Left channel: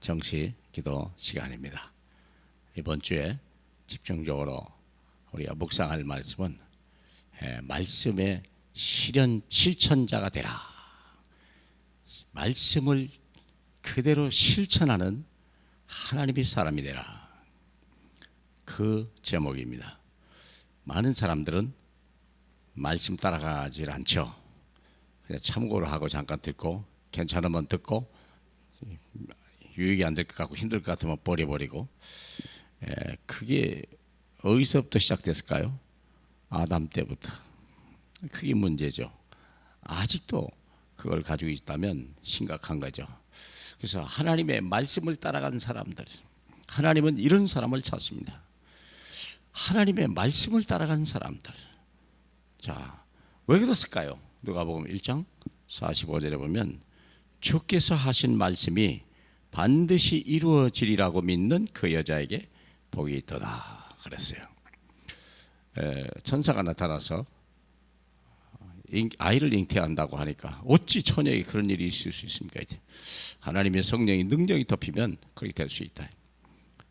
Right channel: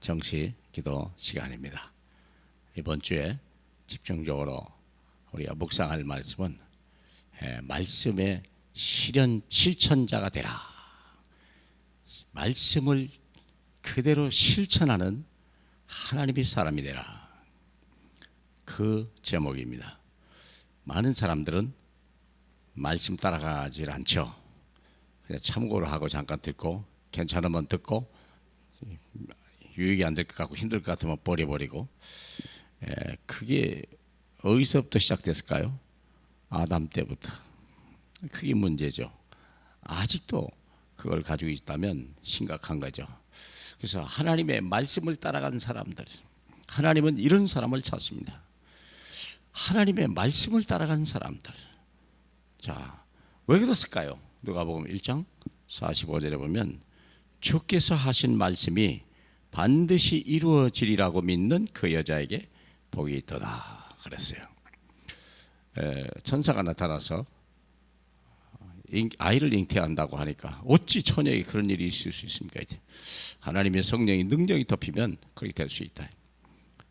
정시 기도 시간입니다. 이번 주에 집중적으로 우리가 묵상할 말씀은 말씀의 실천자가 되라. 말씀을 그대로 실천하는 하나님의 사람이 되라. 그 제목입니다. 많은 사람들은 말씀 따라가질 않죠. 그냥 참고를 하고 잠깐 듣고 괜찮으면 듣고 유익이 안 될 것 같고 힘들 것 같으면 버려버리고. 그게 어디서부터 시작됐을까요? 아담 때부터. 그게 문제죠. 아직도 그걸 가지고 있다면 심각한 거죠. 그래서 하나님의 말씀을 따라가는 사람들, 하나님은 이런 사람을 찾습니다. 하나님의 말씀을 따라가는 사람들. 자, 왜 그랬을까요? 누가복음 1장 45절에 보면 주께서 하신 말씀이 반드시 이루어지리라고 믿는 그 여자에게 복이 있도다 그랬어요. 천사가 나타나서 아이를 잉태한다고 하니까 어찌 처녀에게 그런 일이 있을 수 있습니까? 하나님의 성령이 능력이 덮이면 그렇게 될 수 있다.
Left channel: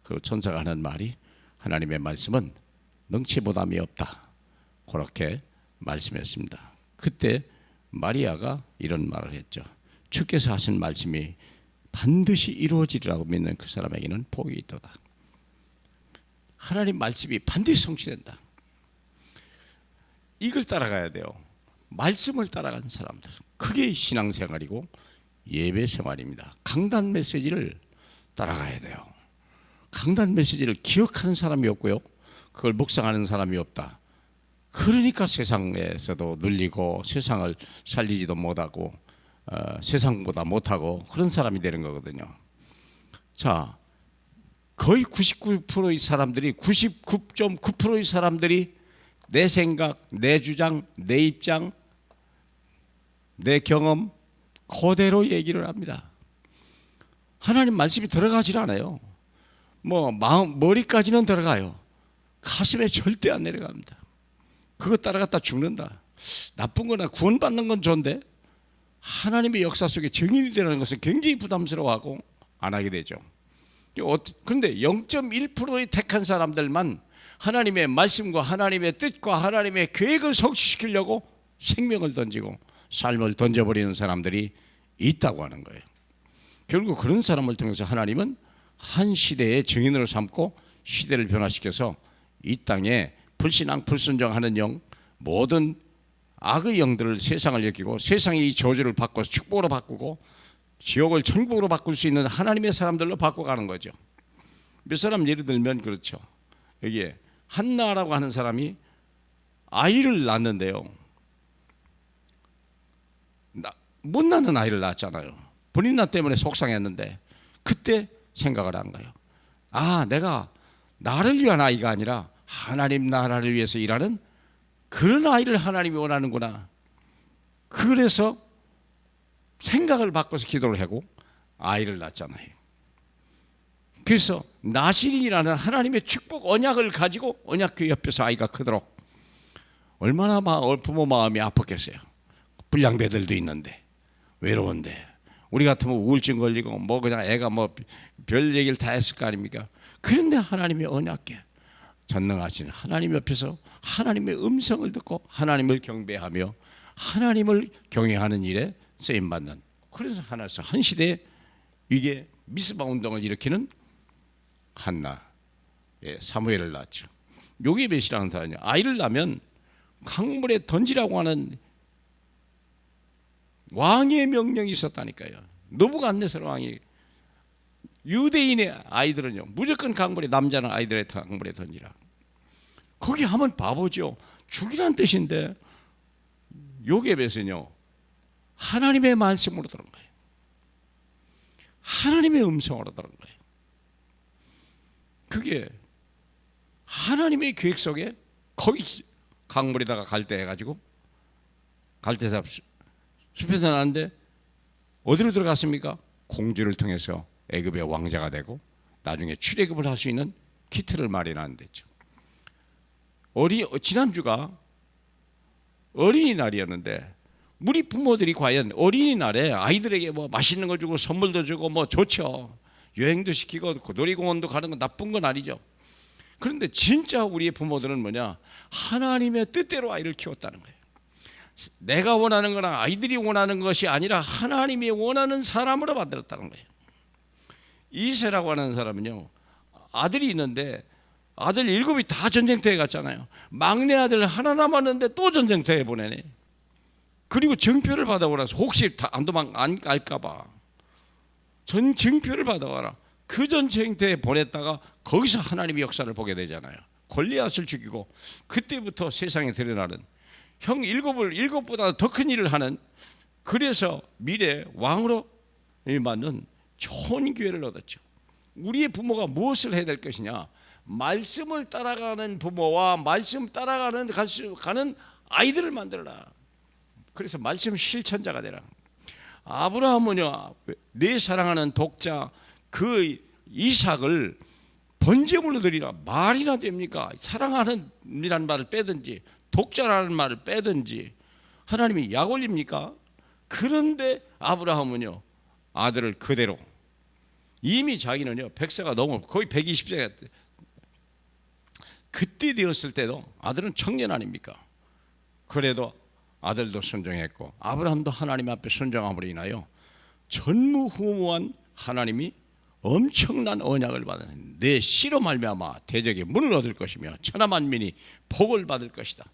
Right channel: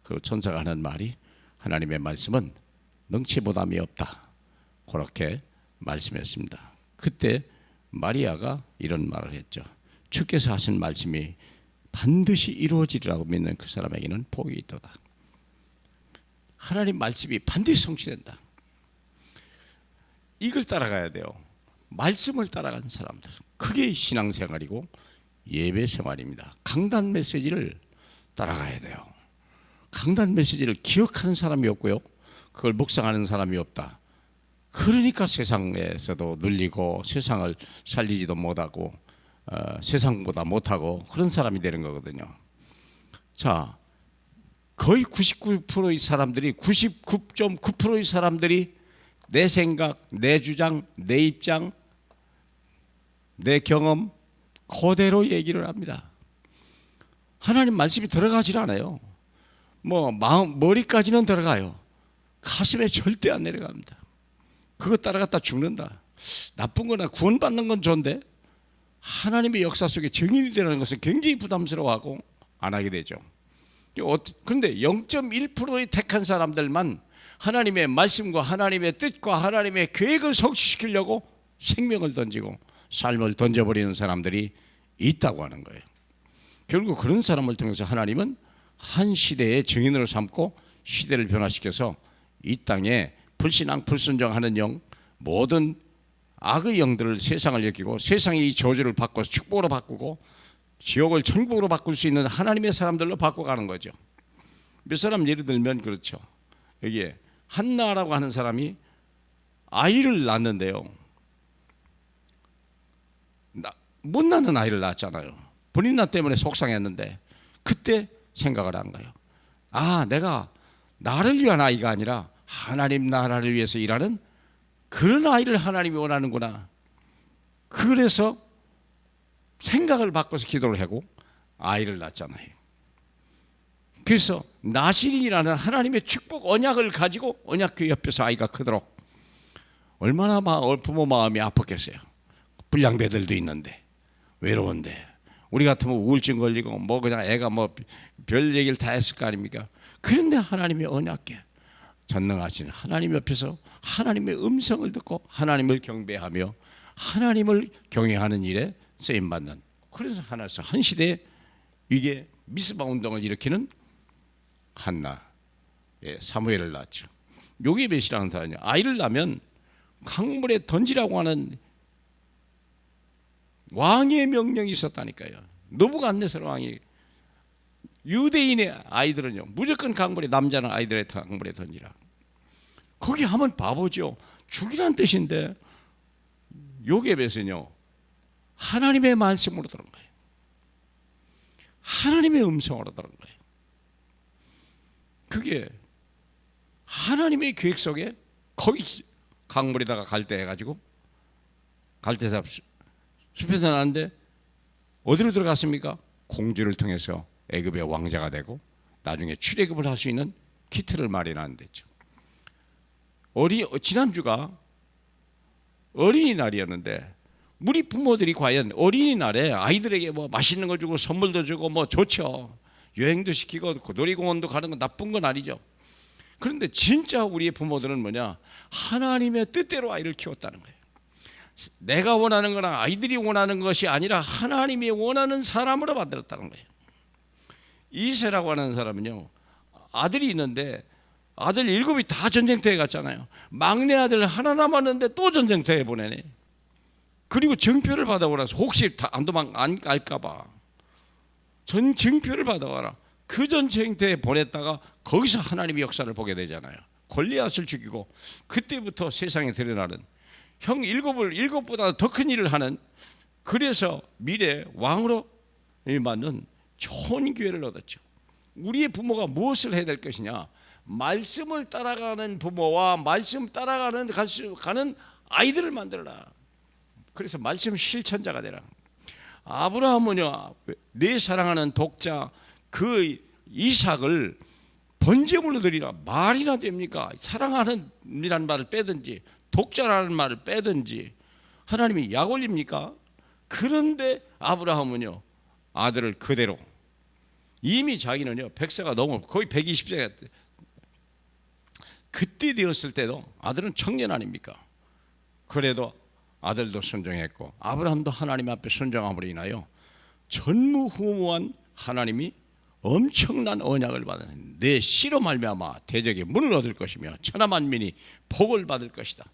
그 천사가 하는 말이 하나님의 말씀은 능치보담이 없다. 그렇게 말씀했습니다. 그때 마리아가 이런 말을 했죠. 주께서 하신 말씀이 반드시 이루어지리라고 믿는 그 사람에게는 복이 있도다. 하나님 말씀이 반드시 성취된다. 이걸 따라가야 돼요. 말씀을 따라가는 사람들. 그게 신앙생활이고 예배생활입니다. 강단 메시지를 따라가야 돼요. 강단 메시지를 기억하는 사람이 없고요, 그걸 묵상하는 사람이 없다. 그러니까 세상에서도 눌리고 세상을 살리지도 못하고 세상보다 못하고 그런 사람이 되는 거거든요. 자, 거의 99%의 사람들이 99.9%의 사람들이 내 생각, 내 주장, 내 입장, 내 경험 그대로 얘기를 합니다. 하나님 말씀이 들어가질 않아요. 머리까지는 들어가요. 가슴에 절대 안 내려갑니다. 그거 따라갔다 죽는다. 나쁜 거나 구원받는 건 좋은데 하나님의 역사 속에 증인이 되는 것은 굉장히 부담스러워하고 안 하게 되죠. 그런데 0.1%의 택한 사람들만 하나님의 말씀과 하나님의 뜻과 하나님의 계획을 성취시키려고 생명을 던지고 삶을 던져버리는 사람들이 있다고 하는 거예요. 결국 그런 사람을 통해서 하나님은 한 시대의 증인으로 삼고 시대를 변화시켜서 이 땅에 불신앙 불순종하는 영, 모든 악의 영들을 세상을 여기고 세상의 이 저주를 바꿔서 축복으로 바꾸고 지옥을 천국으로 바꿀 수 있는 하나님의 사람들로 바꿔가는 거죠. 몇 사람 예를 들면 그렇죠. 여기에 한나라고 하는 사람이 아이를 낳는데요, 못 낳는 아이를 낳았잖아요. 본인나 때문에 속상했는데 그때 생각을 한 거예요. 내가 나를 위한 아이가 아니라 하나님 나라를 위해서 일하는 그런 아이를 하나님이 원하는구나. 그래서 생각을 바꿔서 기도를 하고 아이를 낳았잖아요. 그래서 나실이라는 하나님의 축복 언약을 가지고 언약궤 옆에서 아이가 크도록 얼마나 부모 마음이 아팠겠어요. 불량배들도 있는데 외로운데 우리 같으면 우울증 걸리고 그냥 애가 별 얘기를 다 했을 거 아닙니까? 그런데 하나님의 언약궤 전능하신 하나님 옆에서 하나님의 음성을 듣고 하나님을 경배하며 하나님을 경외하는 일에 쓰임받는, 그래서 하나님께서 한 시대에 이게 미스바 운동을 일으키는 한나, 사무엘을 낳았죠. 요게벳이라는 사람이 아이를 낳으면 강물에 던지라고 하는 왕의 명령이 있었다니까요. 느부갓네살 왕이 유대인의 아이들은요 무조건 강물에, 남자는 아이들의 강물에 던지라. 거기 하면 바보죠. 죽이란 뜻인데 요게벳은요 하나님의 말씀으로 들은 거예요. 하나님의 음성으로 들은 거예요. 그게 하나님의 계획 속에 거기 강물에다가 갈대 해가지고 갈대삽 숲에서 나는데 어디로 들어갔습니까? 공주를 통해서 애굽의 왕자가 되고 나중에 출애굽을 할 수 있는 키트를 마련하는 데죠. 지난주가 어린이날이었는데 우리 부모들이 과연 어린이날에 아이들에게 뭐 맛있는 걸 주고 선물도 주고 뭐 좋죠. 여행도 시키고 놀이공원도 가는 건 나쁜 건 아니죠. 그런데 진짜 우리의 부모들은 뭐냐? 하나님의 뜻대로 아이를 키웠다는 거예요. 내가 원하는 거나 아이들이 원하는 것이 아니라 하나님이 원하는 사람으로 만들었다는 거예요. 이세라고 하는 사람은요, 아들이 있는데 아들 7이 다 전쟁터에 갔잖아요. 막내 아들 하나 남았는데 또 전쟁터에 보내네. 그리고 증표를 받아오라서 혹시 안 도망 안 갈까봐 증표를 받아와라. 그 전쟁터에 보냈다가 거기서 하나님의 역사를 보게 되잖아요. 골리앗을 죽이고 그때부터 세상에 드러나는 형 7보다 더 큰 일을 하는, 그래서 미래 왕으로 맞는 좋은 기회를 얻었죠. 우리의 부모가 무엇을 해야 될 것이냐? 말씀을 따라가는 부모와 말씀 따라가는 가는 아이들을 만들어라. 그래서 말씀 실천자가 되라. 아브라함은요, 내 사랑하는 독자 그 이삭을 번제물로 드리라. 말이나 됩니까? 사랑하는이라는 말을 빼든지 독자라는 말을 빼든지 하나님이 약 올립니까? 그런데 아브라함은요, 아들을 그대로, 이미 자기는요 백세가 넘어 거의 120세가 그때 되었을 때도 아들은 청년 아닙니까? 그래도 아들도 순종했고 아브라함도 하나님 앞에 순종함으로 인하여 전무후무한 하나님이 엄청난 언약을 받은, 내 씨로 말미암아 대적의 문을 얻을 것이며 천하 만민이 복을 받을 것이다.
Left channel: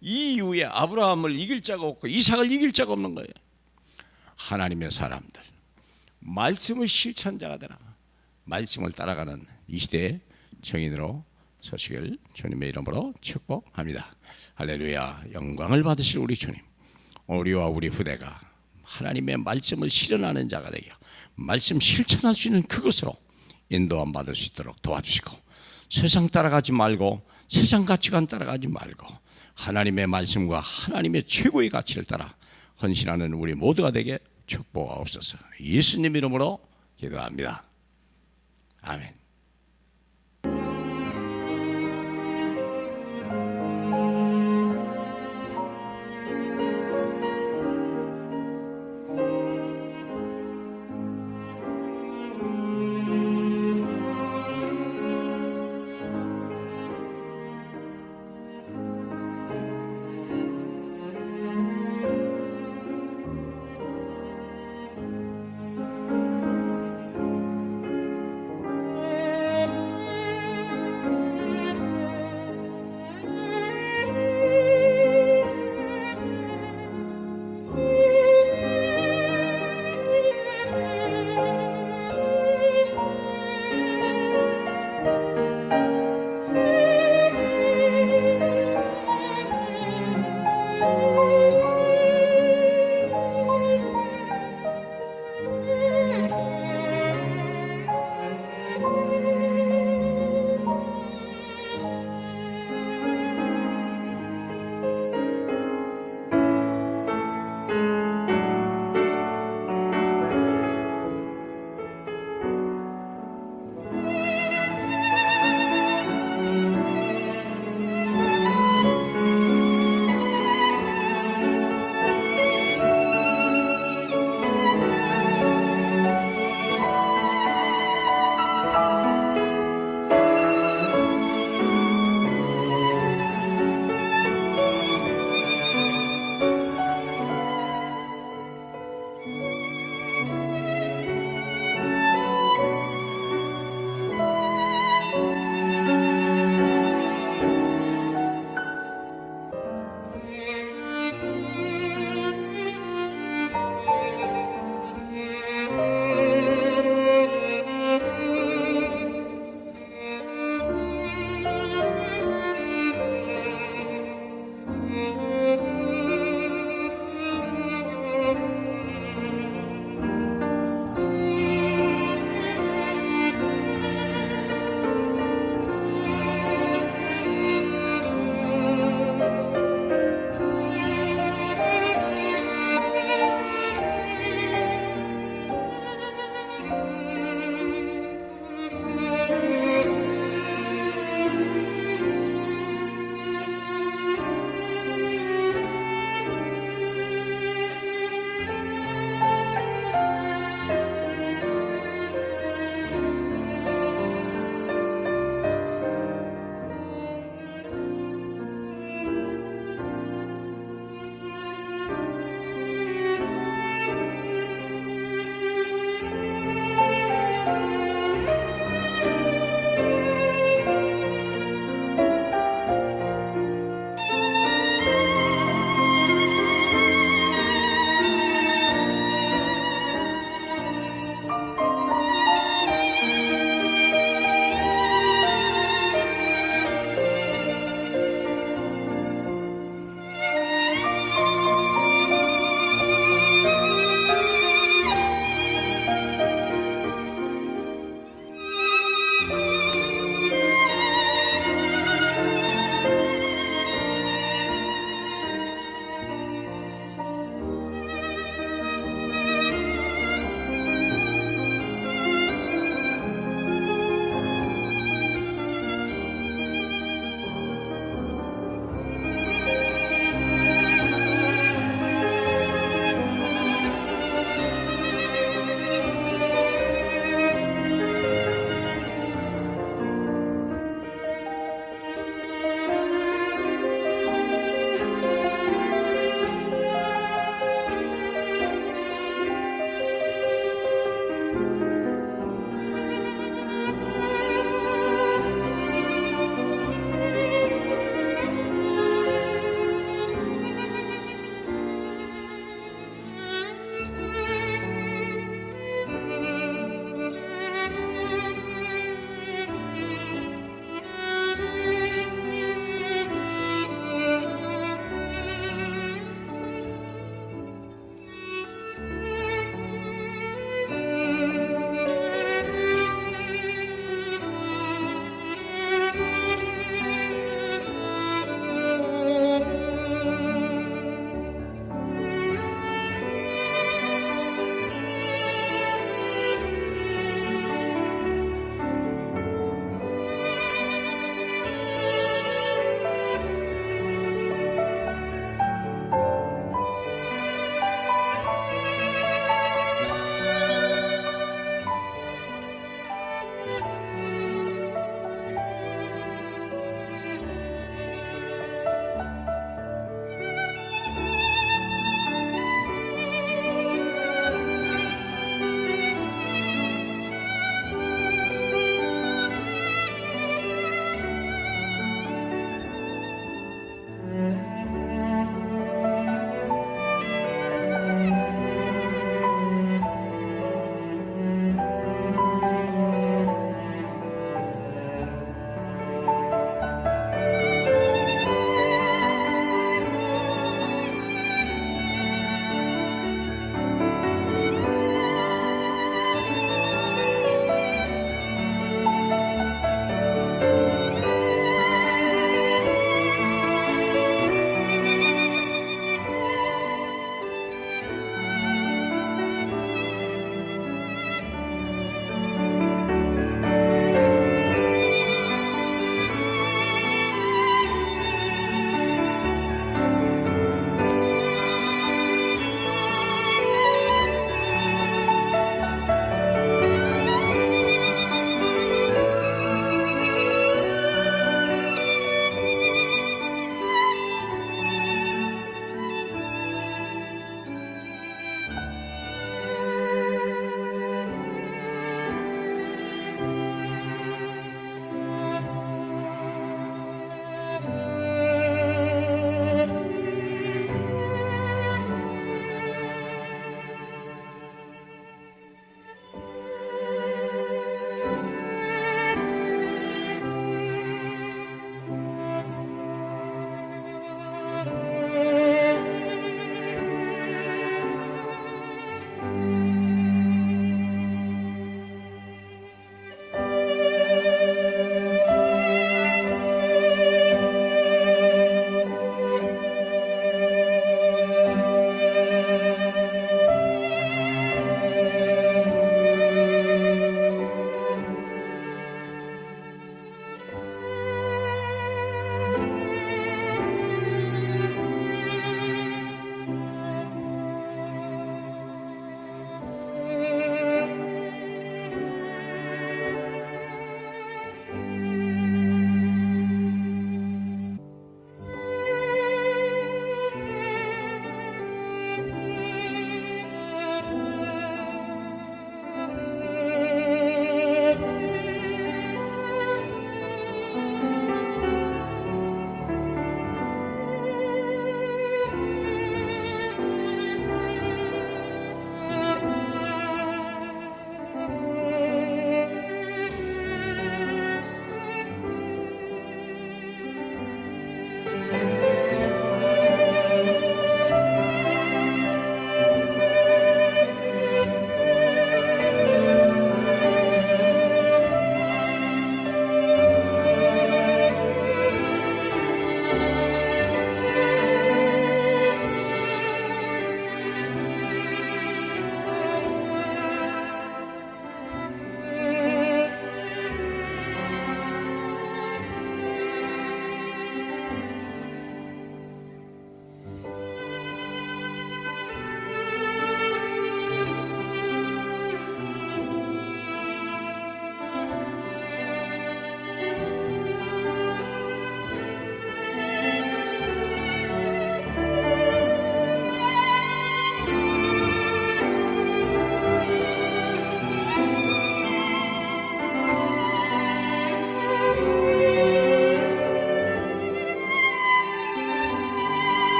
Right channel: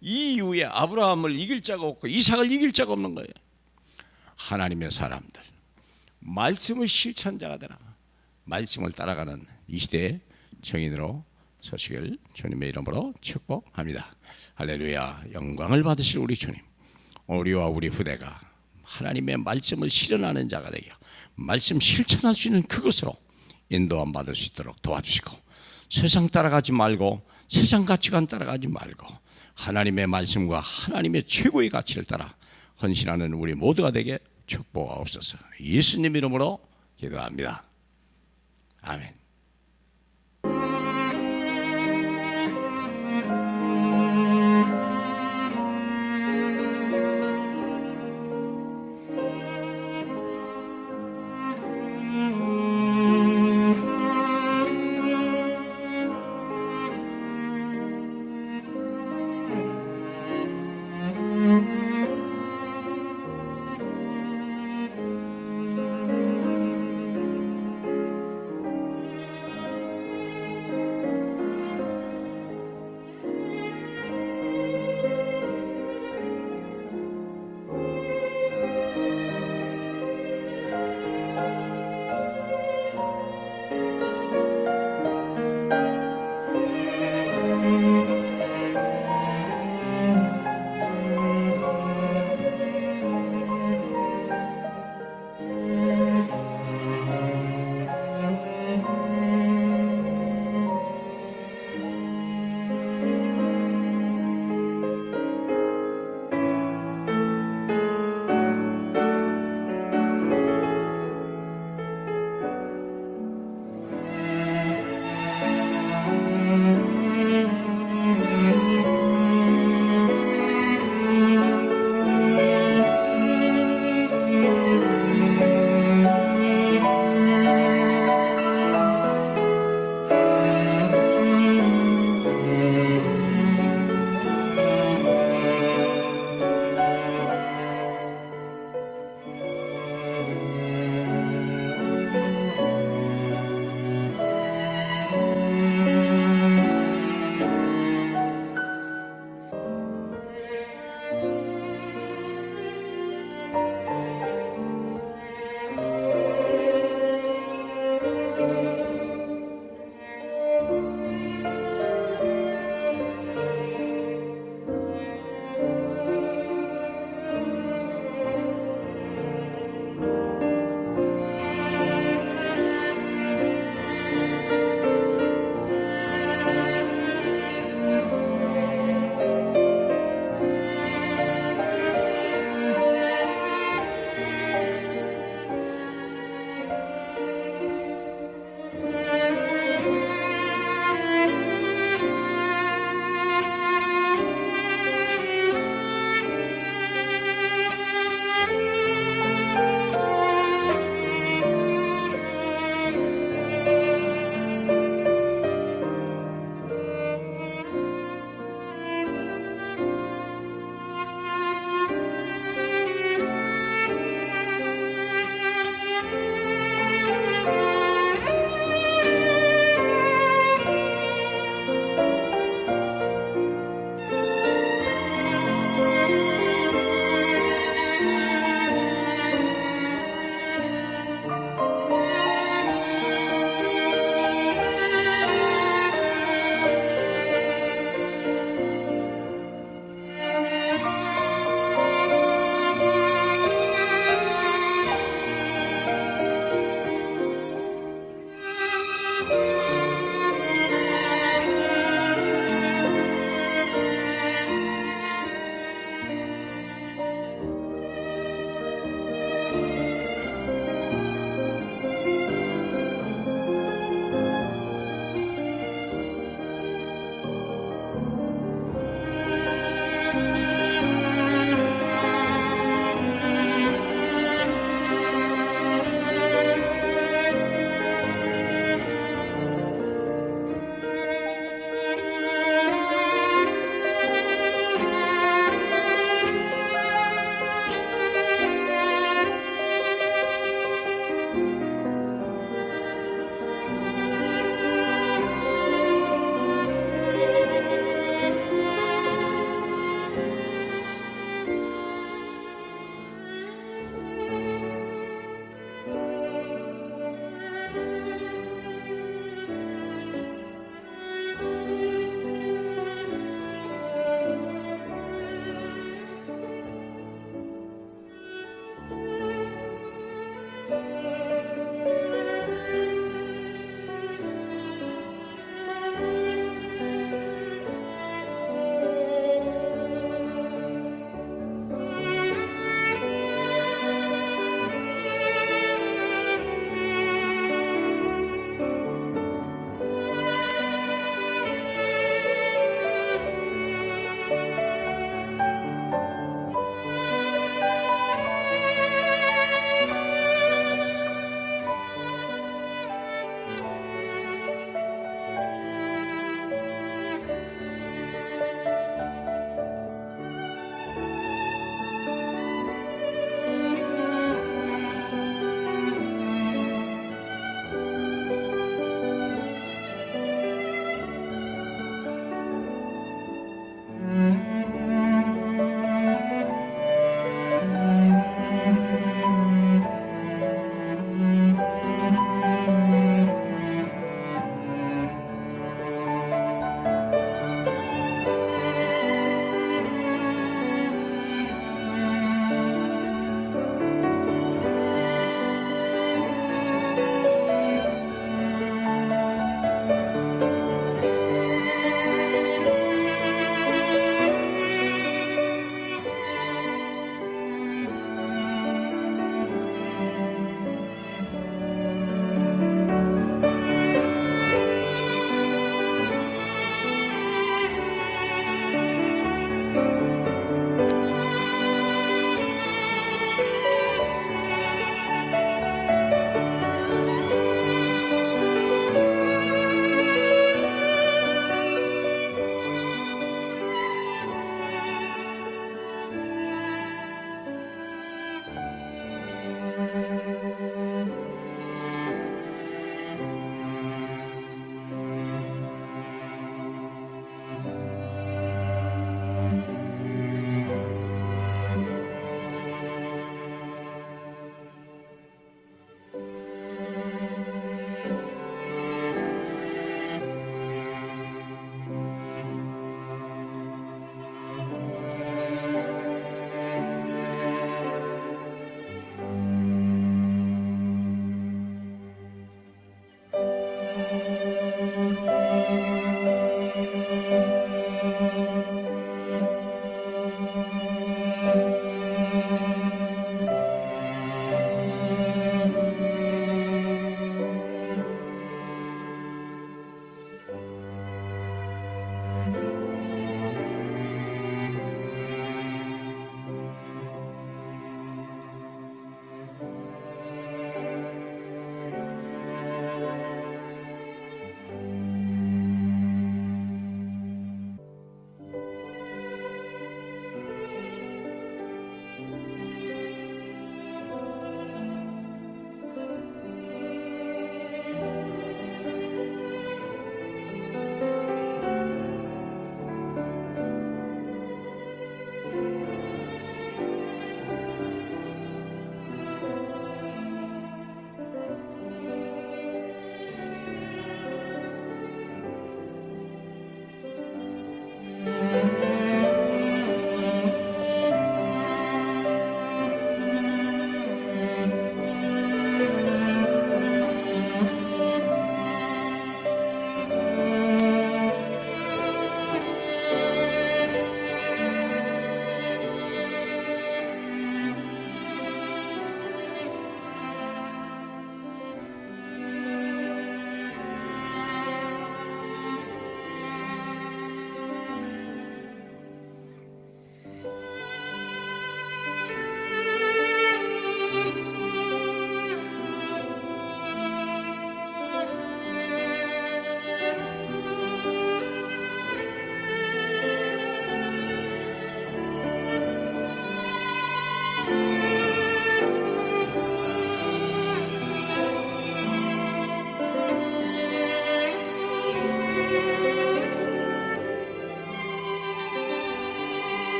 이 이후에 아브라함을 이길 자가 없고 이삭을 이길 자가 없는 거예요. 하나님의 사람들, 말씀의 실천자가 되라. 말씀을 따라가는 이 시대의 정인으로 서시길 주님의 이름으로 축복합니다. 할렐루야. 영광을 받으실 우리 주님, 우리와 우리 후대가 하나님의 말씀을 실현하는 자가 되게, 말씀 실천할 수 있는 그것으로 인도함 받을 수 있도록 도와주시고, 세상 따라가지 말고 세상 가치관 따라가지 말고 하나님의 말씀과 하나님의 최고의 가치를 따라 헌신하는 우리 모두가 되게 축복하옵소서. 예수님 이름으로 기도합니다. 아멘.